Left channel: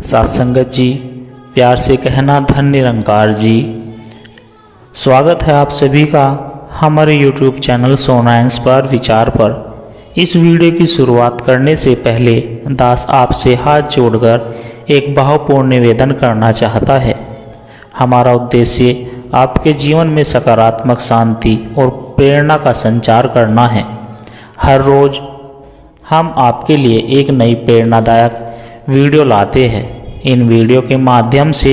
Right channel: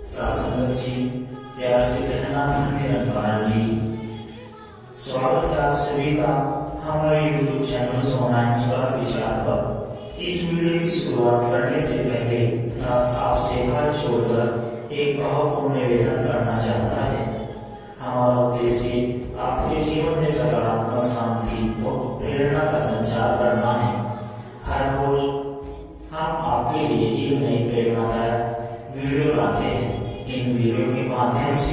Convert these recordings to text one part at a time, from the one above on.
सत्संगत जी, प्यार से कहना धन निरंकार जी। स्वागत है आप सभी का हमारे YouTube चैनल सोना इंस्पायर विचार पर। इस वीडियो की शुरुआत करने से पहले दास आपसे हाथ जोड़कर एक भावपूर्ण निवेदन करना चाहता है। हमारा उद्देश्य आपके जीवन में सकारात्मक शांति और प्रेरणा का संचार करना है। हर रोज़ हम आपके लिए एक नई प्रेरणादायक वीडियो लाते हैं। इन वीडियो के माध्यम से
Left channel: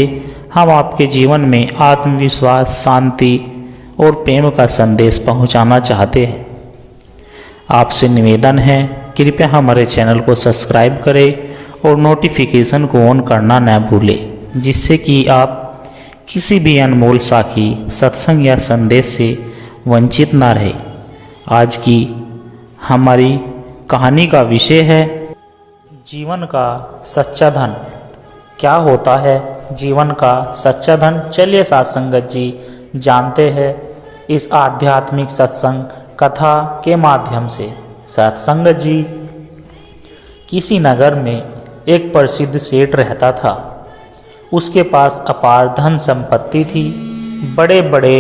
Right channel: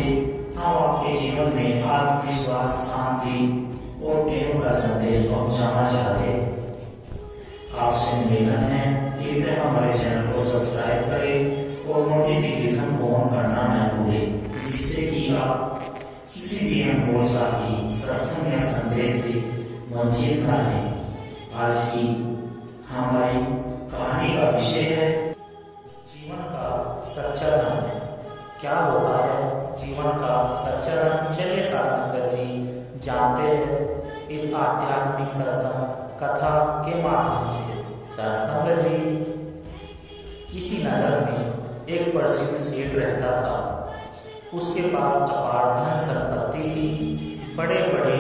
हम आपके जीवन में आत्मविश्वास, शांति और प्रेम का संदेश पहुंचाना चाहते हैं। आपसे निवेदन है, कृपया हमारे चैनल को सब्सक्राइब करें और नोटिफिकेशन को ऑन करना न भूलें, जिससे कि आप किसी भी अनमोल साखी, सत्संग या संदेश से वंचित ना रहे। आज की हमारी कहानी का विषय है जीवन का सच्चा धन। क्या होता है जीवन का सच्चा धन? चलिए सत्संगत जी जानते हैं इस आध्यात्मिक सत्संग कथा के माध्यम से। सत्संगत जी, किसी नगर में एक प्रसिद्ध सेठ रहता था। उसके पास अपार धन संपत्ति थी। बड़े बड़े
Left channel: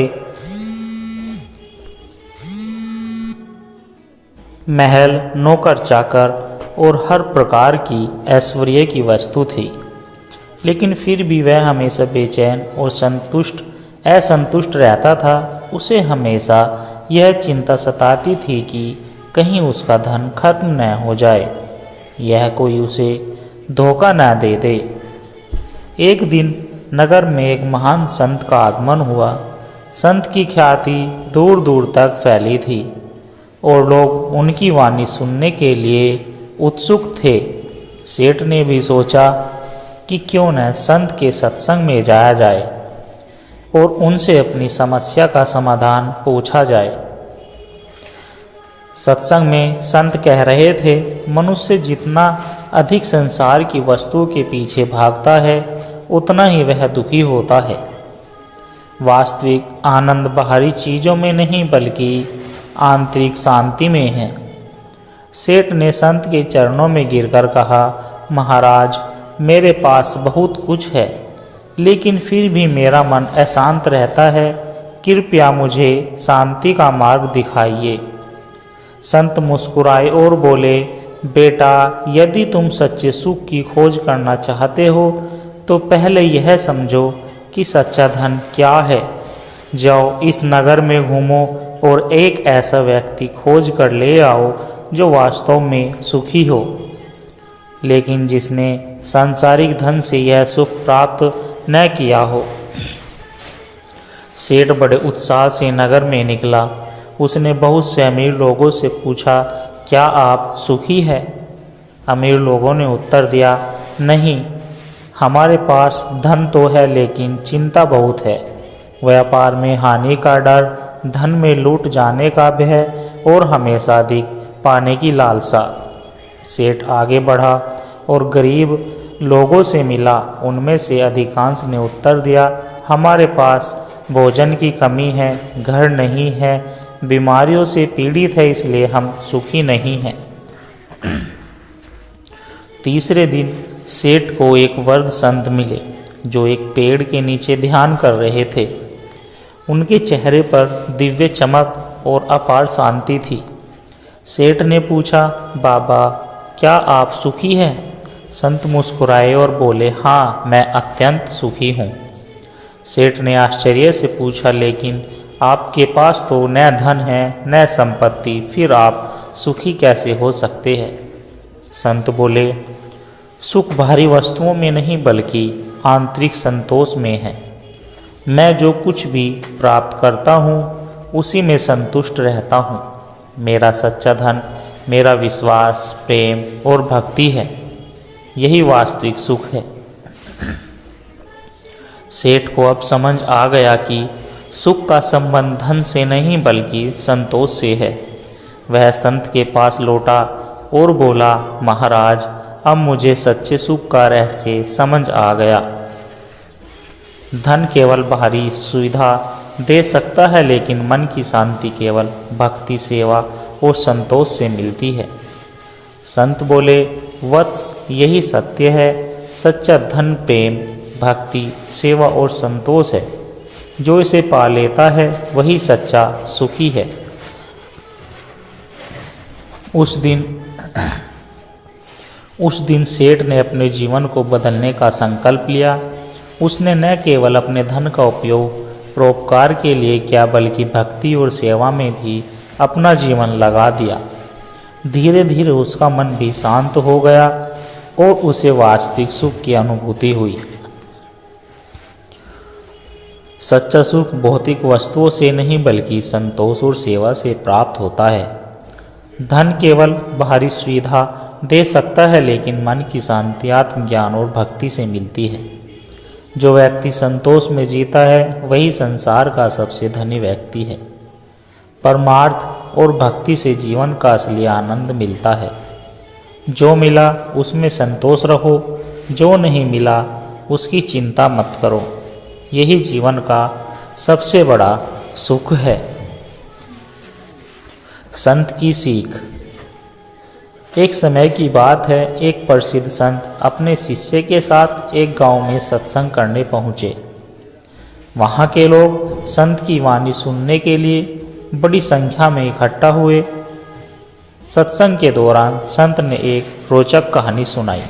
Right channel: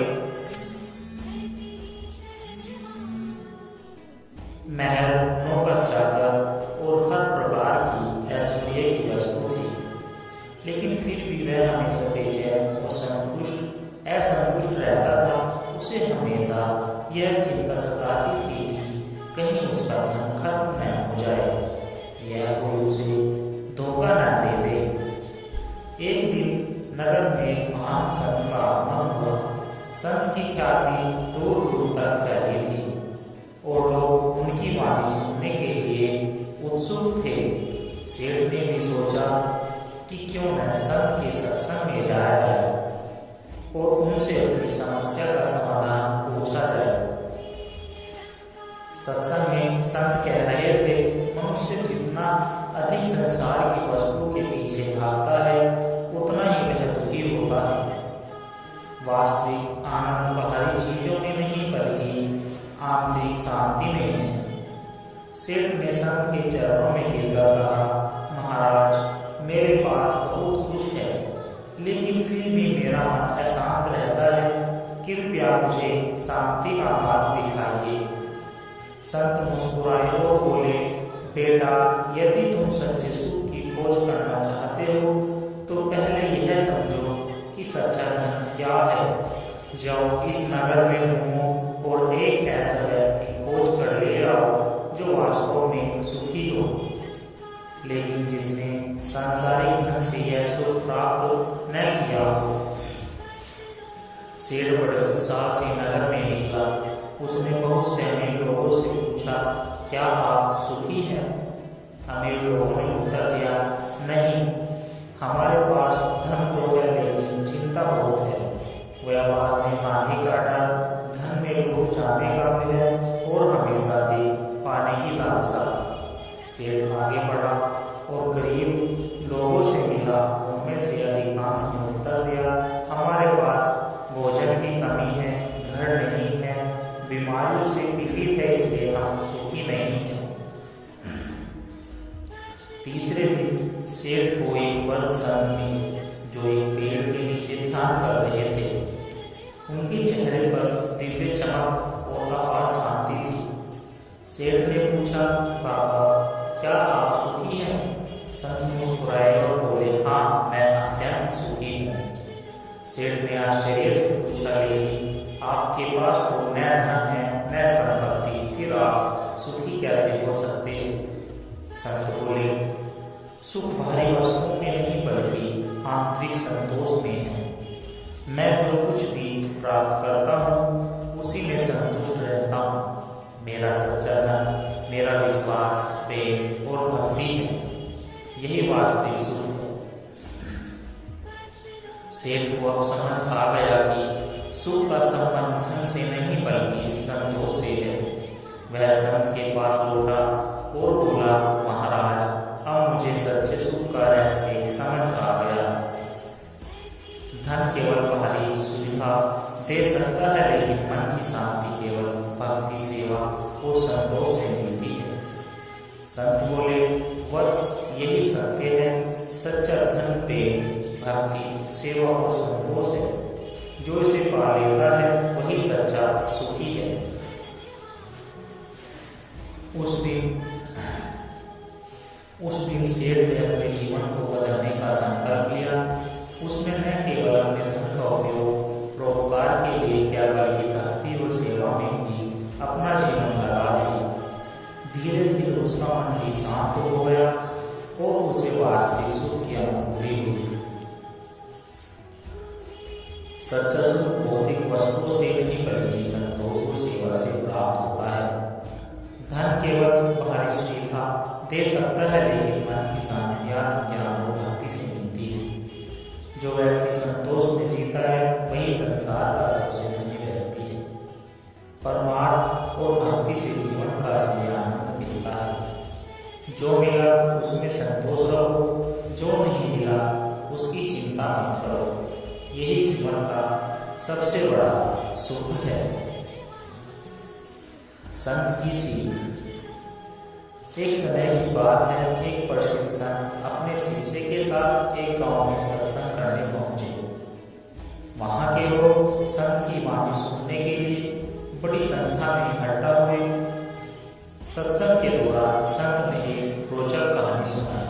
महल, नौकर चाकर और हर प्रकार की ऐश्वर्य की वस्तु थी। लेकिन फिर भी वह हमेशा बेचैन और असंतुष्ट रहता था। उसे हमेशा यह चिंता सताती थी कि कहीं उसका धन खत्म न हो जाए, यह कोई उसे धोखा न दे दे। एक दिन नगर में एक महान संत का आगमन हुआ। संत की ख्याति दूर दूर तक फैली थी और लोग उनकी वाणी सुनने के लिए उत्सुक थे। सेठ ने भी सोचा कि क्यों न संत के सत्संग में जाया जाए और उनसे अपनी समस्या का समाधान पूछा जाए। सत्संग में संत कह रहे थे, मनुष्य जितना अधिक संसार की वस्तुओं के पीछे भागता है, उतना ही वह दुखी होता है। वास्तविक आनंद बाहरी चीज़ों में नहीं बल्कि आंतरिक शांति में है। सेठ ने संत के चरणों में गिरकर कहा, महाराज, मेरे पास बहुत कुछ है, लेकिन फिर भी मेरा मन अशांत रहता है। कृपया मुझे शांति का मार्ग दिखाइए। संत मुस्कुराए और बोले, बेटा, यदि तुम सच्चे सुख की खोज करना चाहते हो तो पहले यह समझो कि सच्चा धन क्या है। जाओ, इस नगर में घूमो और एक ऐसा व्यक्ति खोज कर ले आओ जो वास्तव में सुखी हो, लेकिन जिसने सांसारिक धन से यह सुख प्राप्त न किया हो। सेठ बड़े उत्साह से नगर में निकला। उसने बहुत से अमीर लोगों से पूछा, क्या आप सुखी हैं? अमीर लोगों ने उत्तर दिया, नहीं, हमारे पास धन तो है लेकिन चिंता बहुत है। व्यापार में हानि का डर, धन में लूट जाने का भय और हमेशा अधिक पाने की लालसा। सेठ आगे बढ़ा और गरीब लोगों से मिला। उनमें से अधिकांश ने उत्तर दिया, हमारे पास भोजन की कमी है, घर नहीं है, बीमारियों से पीड़ित है, इसलिए हम सुखी नहीं हैं। तीसरे दिन सेठ को एक वृद्ध संत मिले जो एक पेड़ के नीचे ध्यान कर रहे थे। उनके चेहरे पर दिव्य चमक और अपार शांति थी। सेठ ने पूछा, बाबा, क्या आप सुखी हैं? संत मुस्कुराए और बोले, हाँ, मैं अत्यंत सुखी हूँ। सेठ ने आश्चर्य से पूछा, लेकिन आपके पास तो न धन है न संपत्ति, फिर आप सुखी कैसे हो सकते हैं? संत बोले, सुख भारी वस्तुओं में नहीं बल्कि आंतरिक संतोष में है। मैं जो कुछ भी प्राप्त करता हूँ उसी में संतुष्ट रहता हूँ। मेरा सच्चा धन मेरा विश्वास, प्रेम और भक्ति है। यही वास्तविक सुख है। सेठ को अब समझ आ गया कि सुख का संबंध धन से नहीं बल्कि संतोष से है। वह संत के पास लौटा और बोला, महाराज, अब मुझे सच्चे सुख का रहस्य समझ आ गया। धन केवल बाहरी सुविधा दे सकता है, लेकिन मन की शांति केवल भक्ति, सेवा और संतोष से मिलती है। संत बोले, वत्स, यही सत्य है। सच्चा धन प्रेम, भक्ति, सेवा और संतोष है। जो इसे पा लेता है वही सच्चा सुखी है। उस दिन सेठ ने अपने जीवन को बदलने का संकल्प लिया। उसने न केवल अपने धन का उपयोग परोपकार के लिए किया बल्कि भक्ति और सेवा में भी अपना जीवन लगा दिया। धीरे धीरे उसका मन भी शांत हो गया और उसे वास्तविक सुख की अनुभूति हुई। सच्चा सुख भौतिक वस्तुओं से नहीं बल्कि संतोष और सेवा से प्राप्त होता है। धन केवल बाहरी सुविधा दे सकता है, लेकिन मन की शांति आत्मज्ञान और भक्ति से मिलती है। जो व्यक्ति संतोष में जीता है वही संसार का सबसे धनी व्यक्ति है। परमार्थ और भक्ति से जीवन का असली आनंद मिलता है। जो मिला उसमें संतोष रखो, जो नहीं मिला उसकी चिंता मत करो। यही जीवन का सबसे बड़ा सुख है। संत की सीख। एक समय की बात है, एक प्रसिद्ध संत अपने शिष्य के साथ एक गांव में सत्संग करने पहुँचे। वहाँ के लोग संत की वाणी सुनने के लिए बड़ी संख्या में इकट्ठा हुए। सत्संग के दौरान संत ने एक रोचक कहानी सुनाई।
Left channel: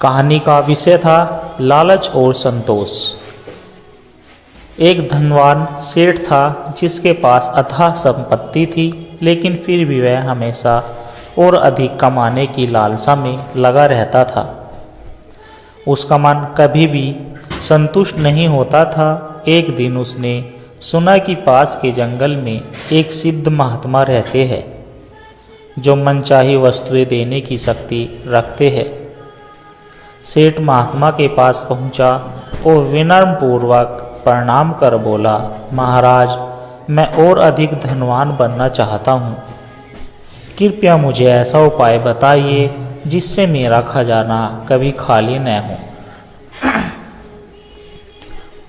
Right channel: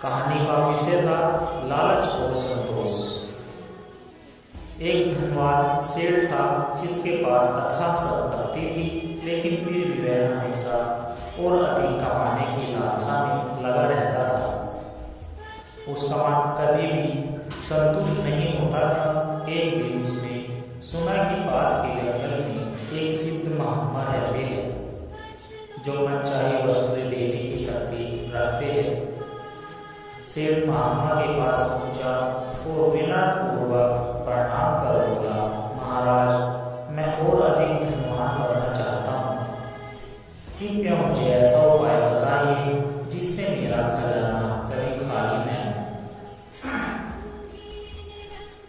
कहानी का विषय था लालच और संतोष। एक धनवान सेठ था जिसके पास अथाह संपत्ति थी, लेकिन फिर भी वह हमेशा और अधिक कमाने की लालसा में लगा रहता था। उसका मन कभी भी संतुष्ट नहीं होता था। एक दिन उसने सुना कि पास के जंगल में एक सिद्ध महात्मा रहते हैं जो मनचाही वस्तुएं देने की शक्ति रखते हैं। सेठ महात्मा के पास पहुंचा और विनम्र पूर्वक प्रणाम कर बोला, महाराज, मैं और अधिक धनवान बनना चाहता हूँ। कृपया मुझे ऐसा उपाय बताइए जिससे मेरा खजाना कभी खाली न हो।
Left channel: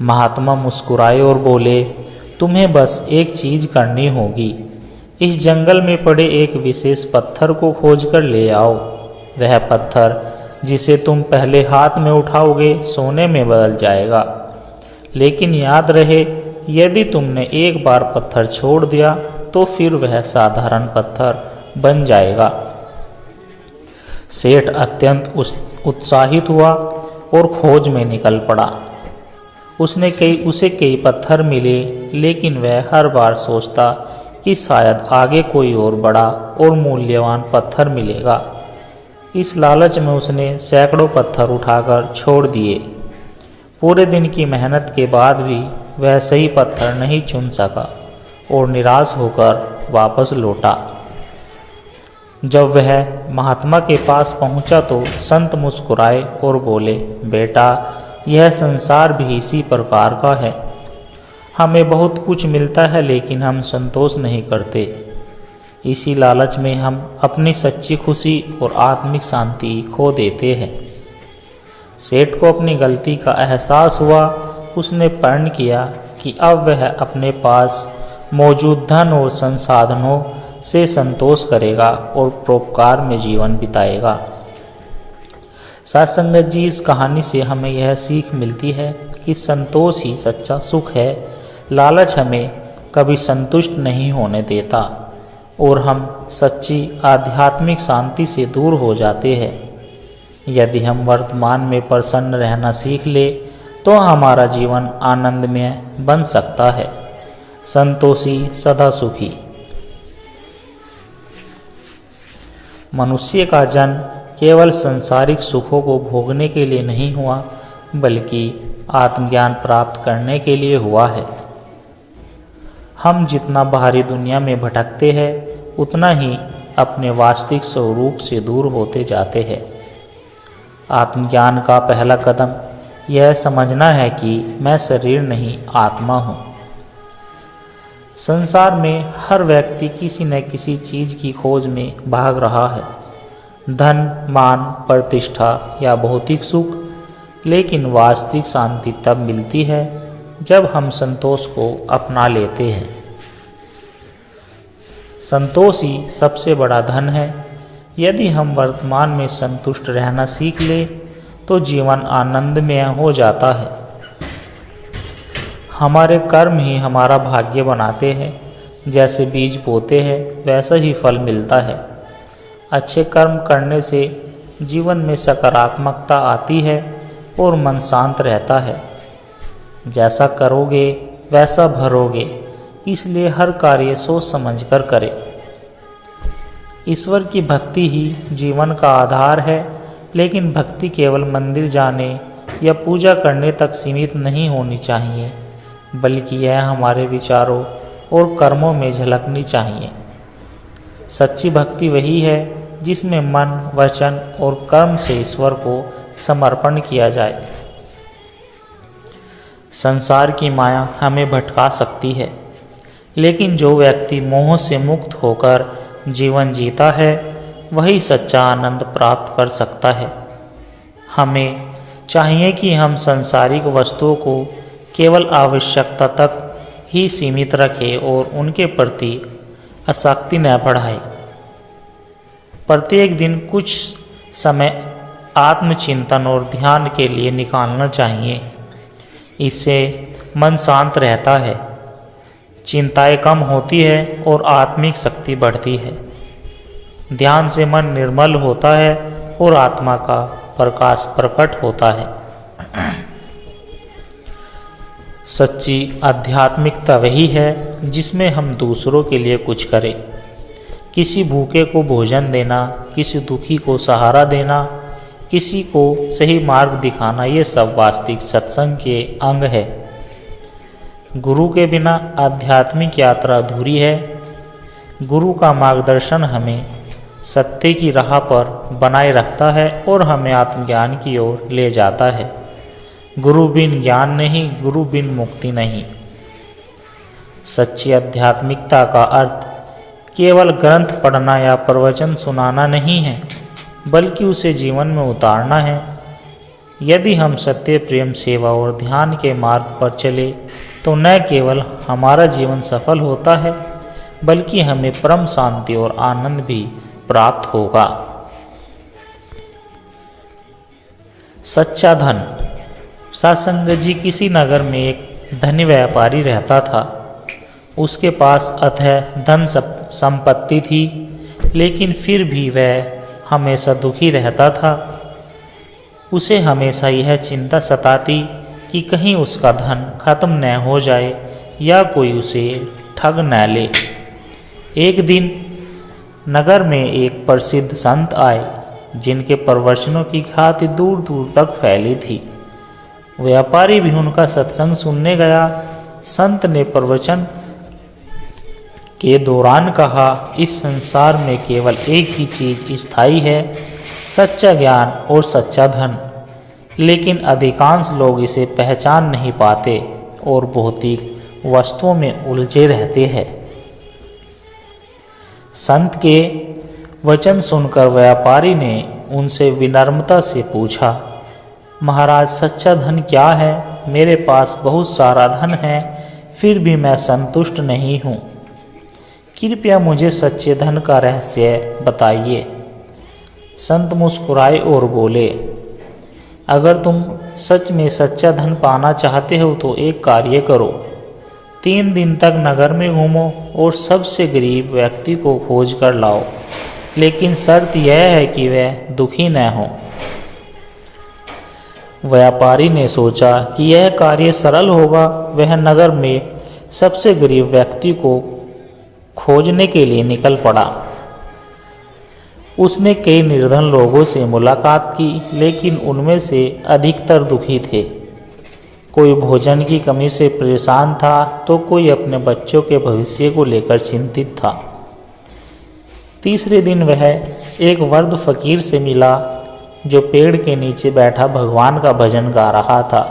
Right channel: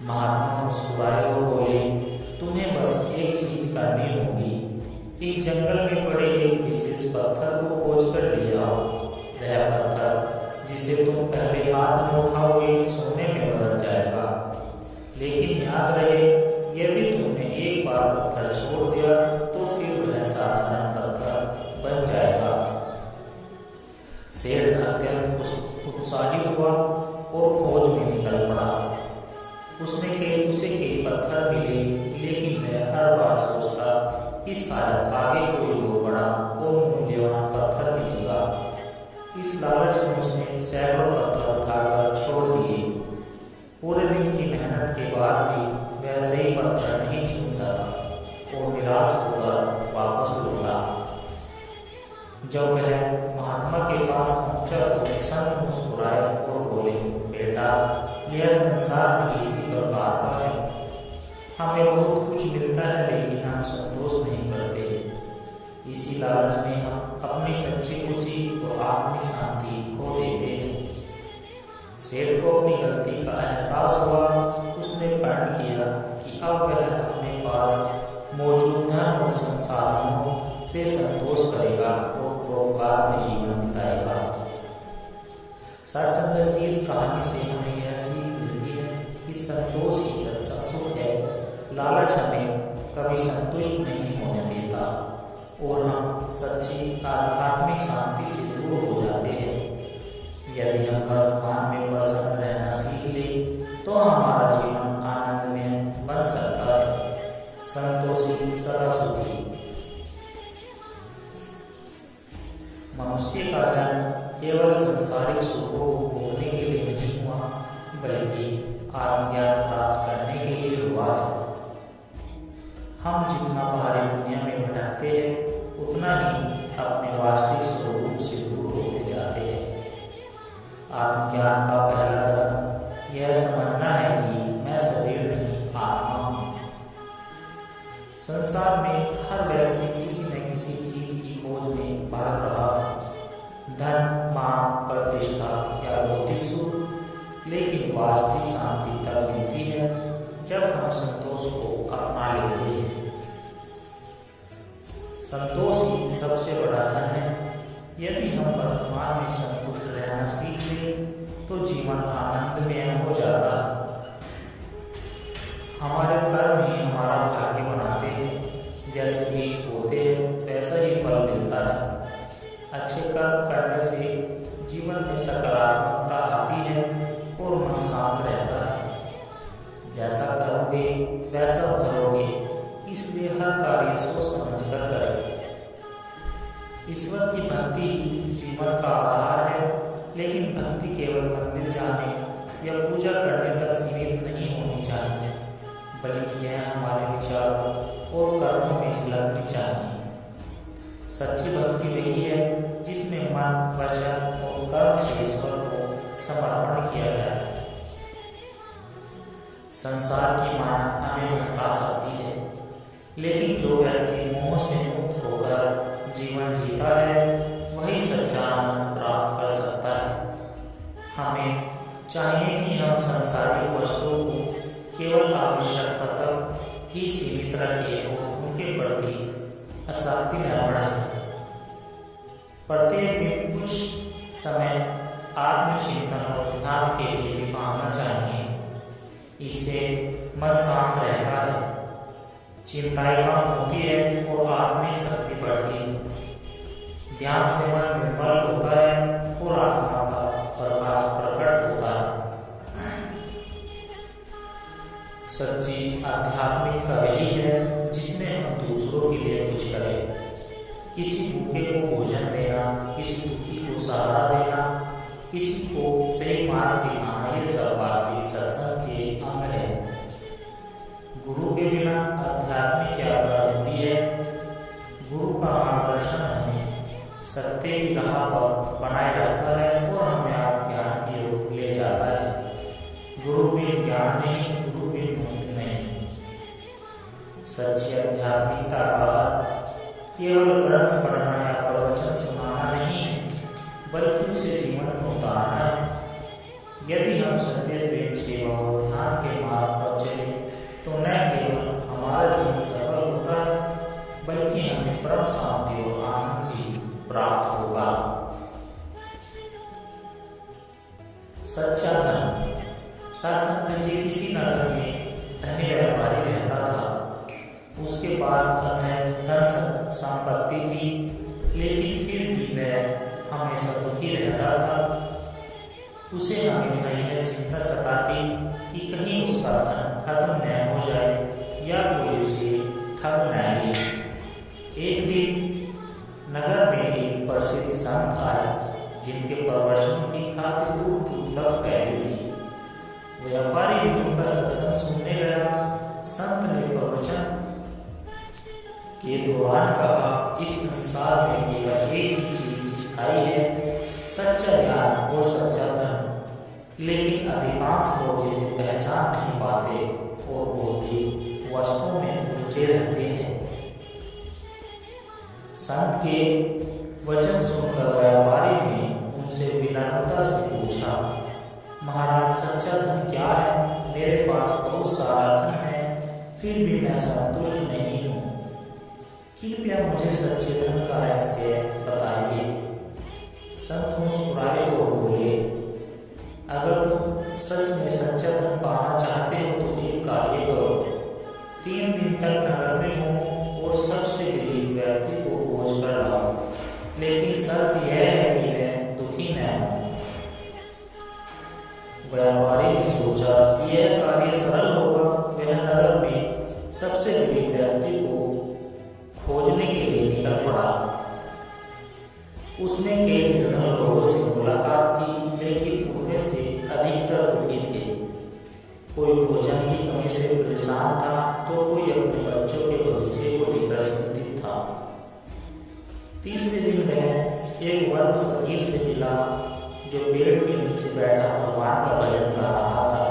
महात्मा मुस्कुराए और बोले, तुम्हें बस एक चीज करनी होगी। इस जंगल में पड़े एक विशेष पत्थर को खोजकर ले आओ। वह पत्थर जिसे तुम पहले हाथ में उठाओगे सोने में बदल जाएगा, लेकिन याद रहे, यदि तुमने एक बार पत्थर छोड़ दिया तो फिर वह साधारण पत्थर बन जाएगा। सेठ अत्यंत उत्साहित हुआ और खोज में निकल पड़ा। उसे कई पत्थर मिले, लेकिन वह हर बार सोचता कि शायद आगे कोई और बड़ा और मूल्यवान पत्थर मिलेगा। इस लालच में उसने सैकड़ों पत्थर उठाकर छोड़ दिए। पूरे दिन की मेहनत के बाद भी वह सही पत्थर नहीं चुन सका और निराश होकर वापस लौटा। जब वह महात्मा के पास पहुंचा तो संत मुस्कुराए और बोले, बेटा, यह संसार भी इसी प्रकार का है। हमें बहुत कुछ मिलता है, लेकिन हम संतोष नहीं करते। इसी लालच में हम अपनी सच्ची खुशी और आत्मिक शांति खो देते हैं। सेठ को अपनी गलती का एहसास हुआ। उसने प्रण किया कि अब वह अपने पास मौजूद धन और संसाधनों से संतोष करेगा और परोपकार में जीवन बिताएगा। साथ संगत जी, इस कहानी से हमें यह सीख मिलती है कि संतोष ही सच्चा सुख है। लालच हमें कभी संतुष्ट नहीं होने देता और हम सच्ची आध्यात्मिक शांति से दूर हो जाते हैं। यदि हम वर्तमान में प्रसन्न रहना सीख ले तो हमारा जीवन आनंदमय बन सकता है। संतोषी सदा सुखी। मनुष्य का जन्म केवल सांसारिक सुखों को भोगने के लिए नहीं हुआ, बल्कि आत्मज्ञान प्राप्त करने के लिए हुआ है। हम जितना बाहरी दुनिया में भटकते हैं, उतना ही अपने वास्तविक स्वरूप से दूर होते जाते हैं। आत्मज्ञान का पहला कदम यह समझना है कि मैं शरीर नहीं, आत्मा हूँ। संसार में हर व्यक्ति किसी न किसी चीज़ की खोज में भाग रहा है, धन, मान, प्रतिष्ठा या भौतिक सुख। लेकिन वास्तविक शांति तब मिलती है जब हम संतोष को अपना लेते हैं। संतोष ही सबसे बड़ा धन है। यदि हम वर्तमान में संतुष्ट रहना सीख ले तो जीवन आनंदमय हो जाता है। हमारे कर्म ही हमारा भाग्य बनाते हैं। जैसे बीज बोते हैं वैसा ही फल मिलता है। अच्छे कर्म करने से जीवन में सकारात्मकता आती है और मन शांत रहता है। जैसा करोगे वैसा भरोगे, इसलिए हर कार्य सोच समझकर करें। ईश्वर की भक्ति ही जीवन का आधार है, लेकिन भक्ति केवल मंदिर जाने या पूजा करने तक सीमित नहीं होनी चाहिए, बल्कि यह हमारे विचारों और कर्मों में झलकनी चाहिए। सच्ची भक्ति वही है जिसमें मन, वचन और कर्म से ईश्वर को समर्पण किया जाए। संसार की माया हमें भटका सकती है, लेकिन जो व्यक्ति मोह से मुक्त होकर जीवन जीता है वही सच्चा आनंद प्राप्त कर सकता है। हमें चाहिए कि हम सांसारिक वस्तुओं को केवल आवश्यकता तक ही सीमित रखें और उनके प्रति आसक्ति न बढ़ाएं। प्रत्येक दिन कुछ समय आत्मचिंतन और ध्यान के लिए निकालना चाहिए। इससे मन शांत रहता है, चिंताएं कम होती है और आत्मिक शक्ति बढ़ती है। ध्यान से मन निर्मल होता है और आत्मा का प्रकाश प्रकट होता है। सच्ची आध्यात्मिकता वही है जिसमें हम दूसरों के लिए कुछ करें। किसी भूखे को भोजन देना, किसी दुखी को सहारा देना, किसी को सही मार्ग दिखाना, ये सब वास्तविक सत्संग के अंग है। गुरु के बिना आध्यात्मिक यात्रा अधूरी है। गुरु का मार्गदर्शन हमें सत्य की राह पर बनाए रखता है और हमें आत्मज्ञान की ओर ले जाता है। गुरु बिन ज्ञान नहीं, गुरु बिन मुक्ति नहीं। सच्ची आध्यात्मिकता का अर्थ केवल ग्रंथ पढ़ना या प्रवचन सुनाना नहीं है, बल्कि उसे जीवन में उतारना है। यदि हम सत्य, प्रेम, सेवा और ध्यान के मार्ग पर चले तो न केवल हमारा जीवन सफल होता है, बल्कि हमें परम शांति और आनंद भी प्राप्त होगा। सच्चा धन। सत्संग जी किसी नगर में एक धनी व्यापारी रहता था। उसके पास अथाह धन संपत्ति थी, लेकिन फिर भी वह हमेशा दुखी रहता था। उसे हमेशा यह चिंता सताती कि कहीं उसका धन खत्म न हो जाए या कोई उसे ठग न ले। एक दिन नगर में एक प्रसिद्ध संत आए, जिनके प्रवचनों की ख्याति दूर दूर तक फैली थी। व्यापारी भी उनका सत्संग सुनने गया। संत ने प्रवचन के दौरान कहा, इस संसार में केवल एक ही चीज स्थायी है, सच्चा ज्ञान और सच्चा धन। लेकिन अधिकांश लोग इसे पहचान नहीं पाते और भौतिक वस्तुओं में उलझे रहते हैं। संत के वचन सुनकर व्यापारी ने उनसे विनम्रता से पूछा, महाराज, सच्चा धन क्या है? मेरे पास बहुत सारा धन है, फिर भी मैं संतुष्ट नहीं हूँ। कृपया मुझे सच्चे धन का रहस्य बताइए। संत मुस्कुराए और बोले, अगर तुम सच में सच्चा धन पाना चाहते हो तो एक कार्य करो। 3 दिन तक नगर में घूमो और सबसे गरीब व्यक्ति को खोज कर लाओ, लेकिन शर्त यह है कि वह दुखी न हो। व्यापारी ने सोचा कि यह कार्य सरल होगा। वह नगर में सबसे गरीब व्यक्ति को खोजने के लिए निकल पड़ा। उसने कई निर्धन लोगों से मुलाकात की, लेकिन उनमें से अधिकतर दुखी थे। कोई भोजन की कमी से परेशान था तो कोई अपने बच्चों के भविष्य को लेकर चिंतित था। तीसरे दिन वह एक वृद्ध फकीर से मिला, जो पेड़ के नीचे बैठा भगवान का भजन गा रहा था।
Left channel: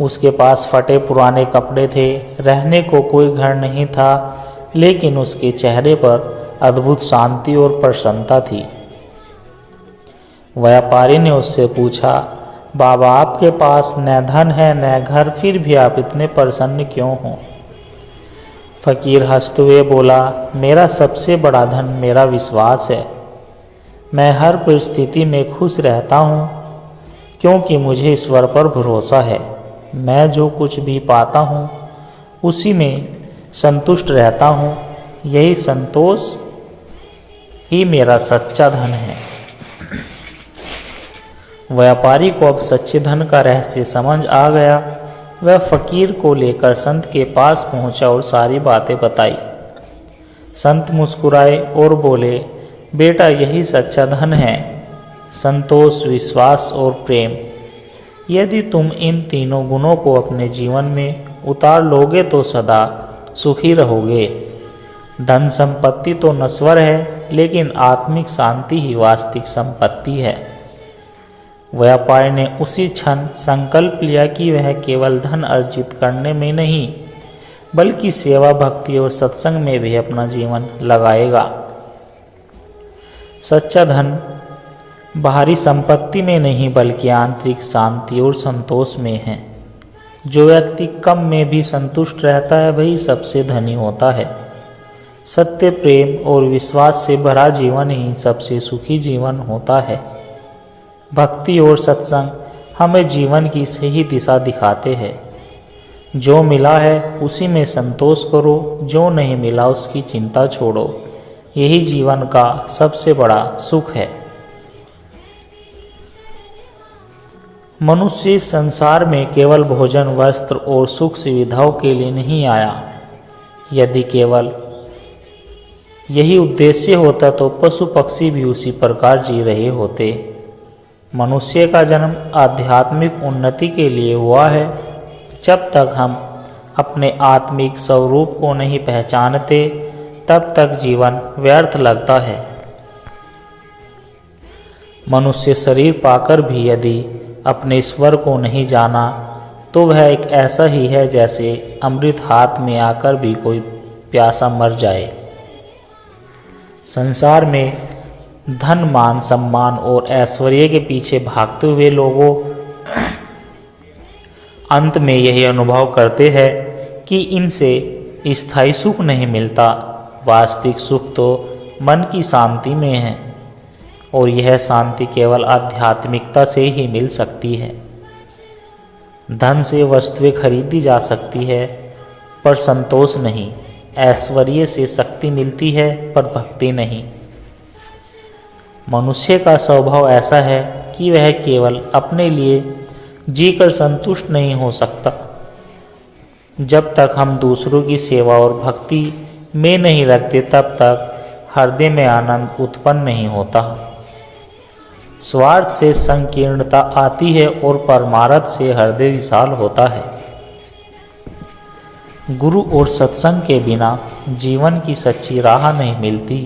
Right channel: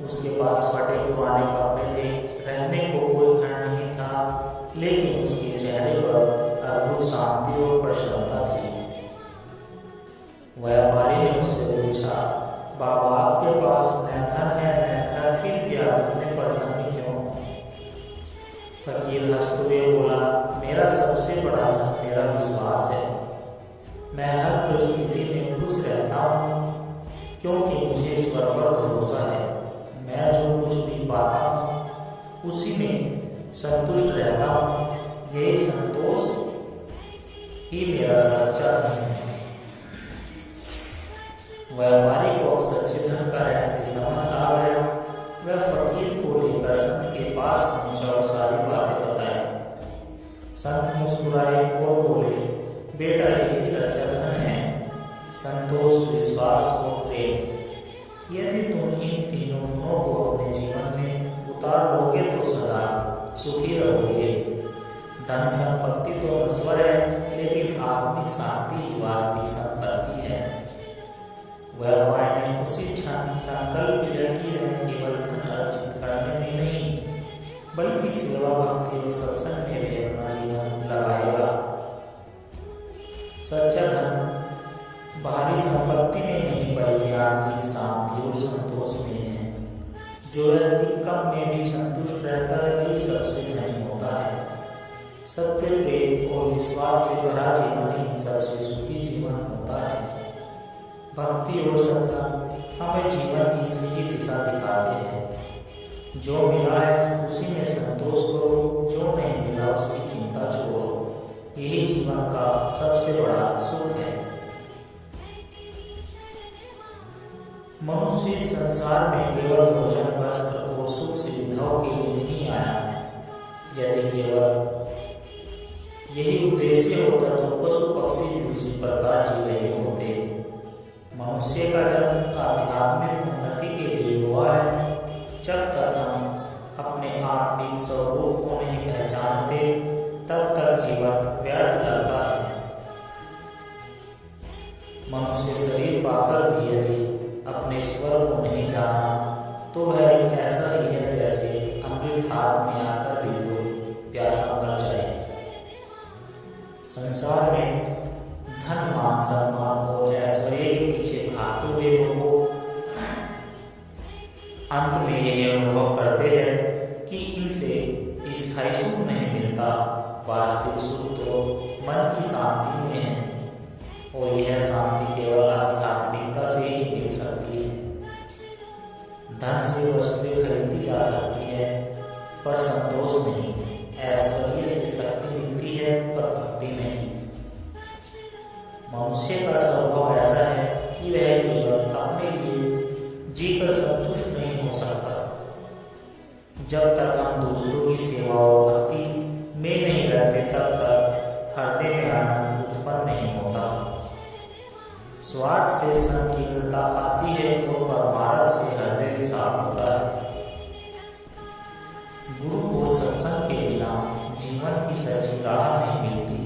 उसके पास फटे पुराने कपड़े थे, रहने को कोई घर नहीं था, लेकिन उसके चेहरे पर अद्भुत शांति और प्रसन्नता थी। व्यापारी ने उससे पूछा, बाबा, आपके पास न धन है न घर, फिर भी आप इतने प्रसन्न क्यों हो? फकीर हंसते हुए बोला, मेरा सबसे बड़ा धन मेरा विश्वास है। मैं हर परिस्थिति में खुश रहता हूँ, क्योंकि मुझे ईश्वर पर भरोसा है। मैं जो कुछ भी पाता हूँ उसी में संतुष्ट रहता हूँ। यही संतोष ही मेरा सच्चा धन है। व्यापारी को अब सच्चे धन का रहस्य समझ आ गया। वह फकीर को लेकर संत के पास पहुंचा और सारी बातें बताई। संत मुस्कुराए और बोले, बेटा, यही सच्चा धन है, संतोष, विश्वास और प्रेम। यदि तुम इन तीनों गुणों को अपने जीवन में उतार लोगे तो सदा सुखी रहोगे। धन संपत्ति तो नश्वर है, लेकिन आत्मिक शांति ही वास्तविक संपत्ति है। व्यापारी ने उसी क्षण संकल्प लिया कि वह केवल धन अर्जित करने में नहीं, बल्कि सेवा, भक्ति और सत्संग में भी अपना जीवन लगाएगा। सच्चा धन बाहरी संपत्ति में नहीं, बल्कि आंतरिक शांति और संतोष में है। जो व्यक्ति कम में भी संतुष्ट रहता है, वही सबसे धनी होता है। सत्य, प्रेम और विश्वास से भरा जीवन ही सबसे सुखी जीवन होता है। भक्ति और सत्संग हमें जीवन की सही दिशा दिखाते हैं। जो मिला है उसी में संतोष करो, जो नहीं मिला उसकी चिंता छोड़ो। यही जीवन का सबसे बड़ा सुख है। मनुष्य इस संसार में केवल भोजन, वस्त्र और सुख सुविधाओं के लिए नहीं आया। यदि केवल यही उद्देश्य होता तो पशु पक्षी भी उसी प्रकार जी रहे होते। मनुष्य का जन्म आध्यात्मिक उन्नति के लिए हुआ है। जब तक हम अपने आत्मिक स्वरूप को नहीं पहचानते, तब तक जीवन व्यर्थ लगता है। मनुष्य शरीर पाकर भी यदि अपने ईश्वर को नहीं जाना, तो वह एक ऐसा ही है जैसे अमृत हाथ में आकर भी कोई प्यासा मर जाए। संसार में धन, मान, सम्मान और ऐश्वर्य के पीछे भागते हुए लोगों अंत में यही अनुभव करते हैं कि इनसे स्थायी सुख नहीं मिलता। वास्तविक सुख तो मन की शांति में है, और यह शांति केवल आध्यात्मिकता से ही मिल सकती है। धन से वस्तुएं खरीदी जा सकती है, पर संतोष नहीं। ऐश्वर्य से शक्ति मिलती है, पर भक्ति नहीं। मनुष्य का स्वभाव ऐसा है कि वह केवल अपने लिए जीकर संतुष्ट नहीं हो सकता। जब तक हम दूसरों की सेवा और भक्ति में नहीं रखते, तब तक हृदय में आनंद उत्पन्न नहीं होता। स्वार्थ से संकीर्णता आती है और परमार्थ से हृदय विशाल होता है। गुरु और सत्संग के बिना जीवन की सच्ची राह नहीं मिलती।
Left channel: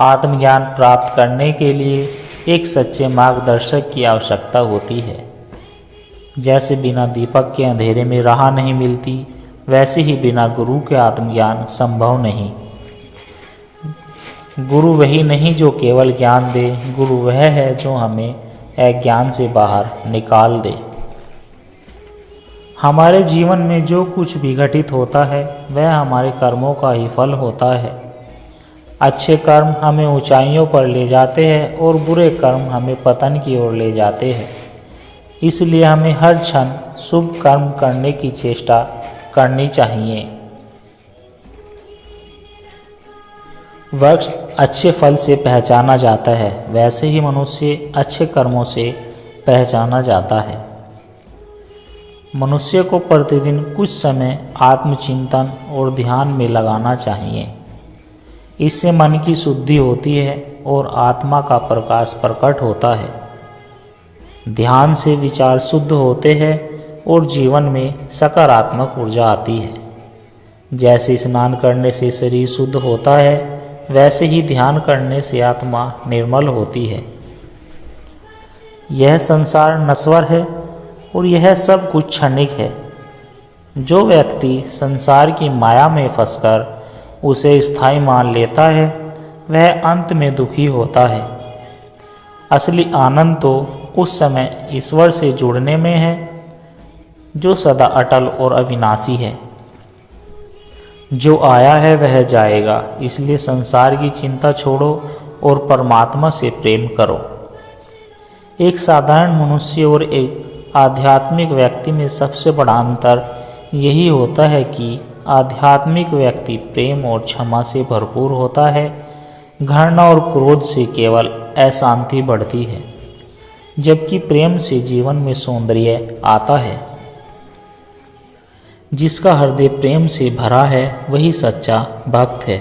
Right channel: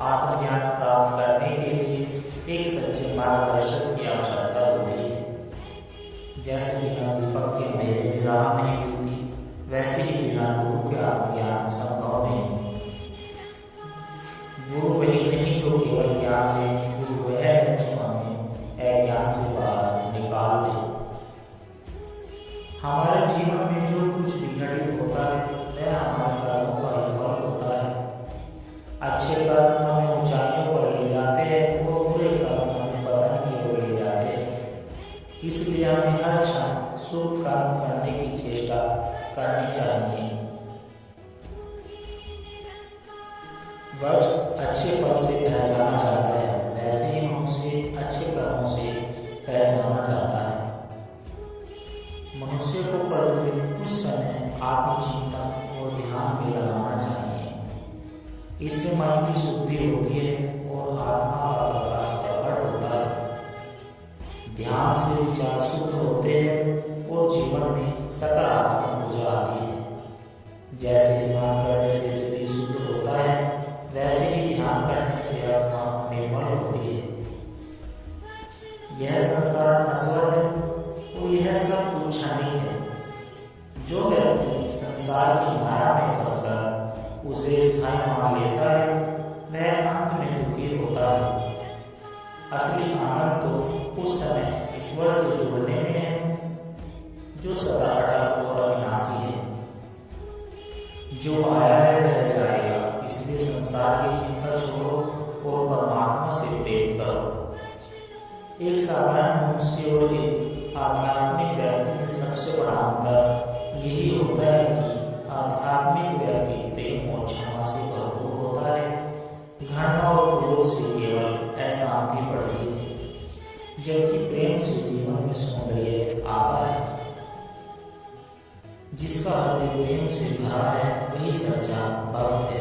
आत्मज्ञान प्राप्त करने के लिए एक सच्चे मार्गदर्शक की आवश्यकता होती है। जैसे बिना दीपक के अंधेरे में राह नहीं मिलती, वैसे ही बिना गुरु के आत्मज्ञान संभव नहीं। गुरु वही नहीं जो केवल ज्ञान दे, गुरु वह है जो हमें अज्ञान से बाहर निकाल दे। हमारे जीवन में जो कुछ भी घटित होता है, वह हमारे कर्मों का ही फल होता है। अच्छे कर्म हमें ऊंचाइयों पर ले जाते हैं और बुरे कर्म हमें पतन की ओर ले जाते हैं। इसलिए हमें हर क्षण शुभ कर्म करने की चेष्टा करनी चाहिए। वृक्ष अच्छे फल से पहचाना जाता है, वैसे ही मनुष्य अच्छे कर्मों से पहचाना जाता है। मनुष्य को प्रतिदिन कुछ समय आत्मचिंतन और ध्यान में लगाना चाहिए। इससे मन की शुद्धि होती है और आत्मा का प्रकाश प्रकट होता है। ध्यान से विचार शुद्ध होते हैं और जीवन में सकारात्मक ऊर्जा आती है। जैसे स्नान करने से शरीर शुद्ध होता है, वैसे ही ध्यान करने से आत्मा निर्मल होती है। यह संसार नश्वर है और यह सब कुछ क्षणिक है। जो व्यक्ति संसार की माया में फंसकर उसे स्थायी मान लेता है, वह अंत में दुखी होता है। असली आनंद तो उस समय ईश्वर से जुड़ने में है, जो सदा अटल और अविनाशी है। जो आया है वह जाएगा, इसलिए संसार की चिंता छोड़ो और परमात्मा से प्रेम करो। एक साधारण मनुष्य और एक आध्यात्मिक व्यक्ति में सबसे बड़ा अंतर यही होता है कि आध्यात्मिक व्यक्ति प्रेम और क्षमा से भरपूर होता है। घृणा और क्रोध से केवल अशांति बढ़ती है, जबकि प्रेम से जीवन में सौंदर्य आता है। जिसका हृदय प्रेम से भरा है वही सच्चा भक्त है।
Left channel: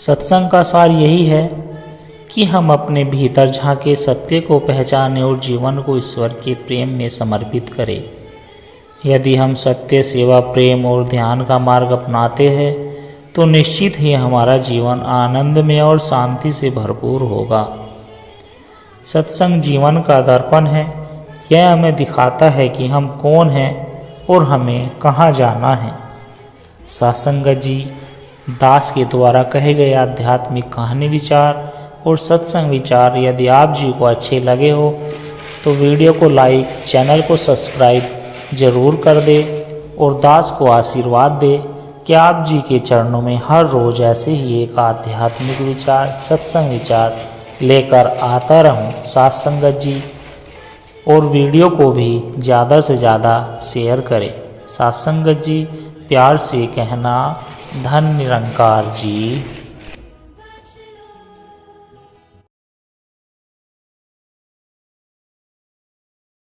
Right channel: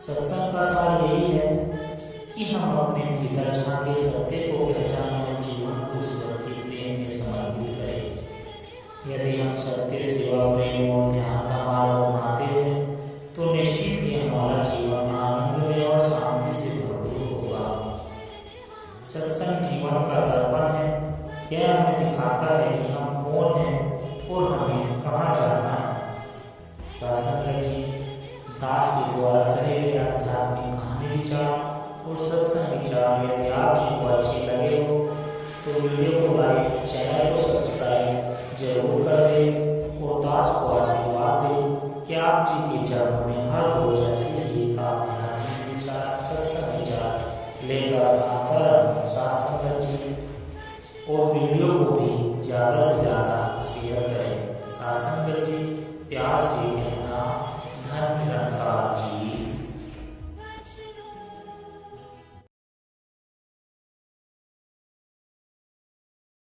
सत्संग का सार यही है कि हम अपने भीतर झांके, सत्य को पहचानें और जीवन को ईश्वर के प्रेम में समर्पित करें। यदि हम सत्य, सेवा, प्रेम और ध्यान का मार्ग अपनाते हैं तो निश्चित ही हमारा जीवन आनंदमय और शांति से भरपूर होगा। सत्संग जीवन का दर्पण है। यह हमें दिखाता है कि हम कौन हैं और हमें कहाँ जाना है। सत्संग जी दास के द्वारा कहे गए आध्यात्मिक कहानी विचार और सत्संग विचार यदि आप जी को अच्छे लगे हो तो वीडियो को लाइक, चैनल को सब्सक्राइब जरूर कर दे और दास को आशीर्वाद दे कि आप जी के चरणों में हर रोज़ ऐसे ही एक आध्यात्मिक विचार, सत्संग विचार लेकर आता रहूं। साथ संगत जी और वीडियो को भी ज़्यादा से ज़्यादा शेयर करें। साथ संगत जी प्यार से कहना, धन निरंकार जी।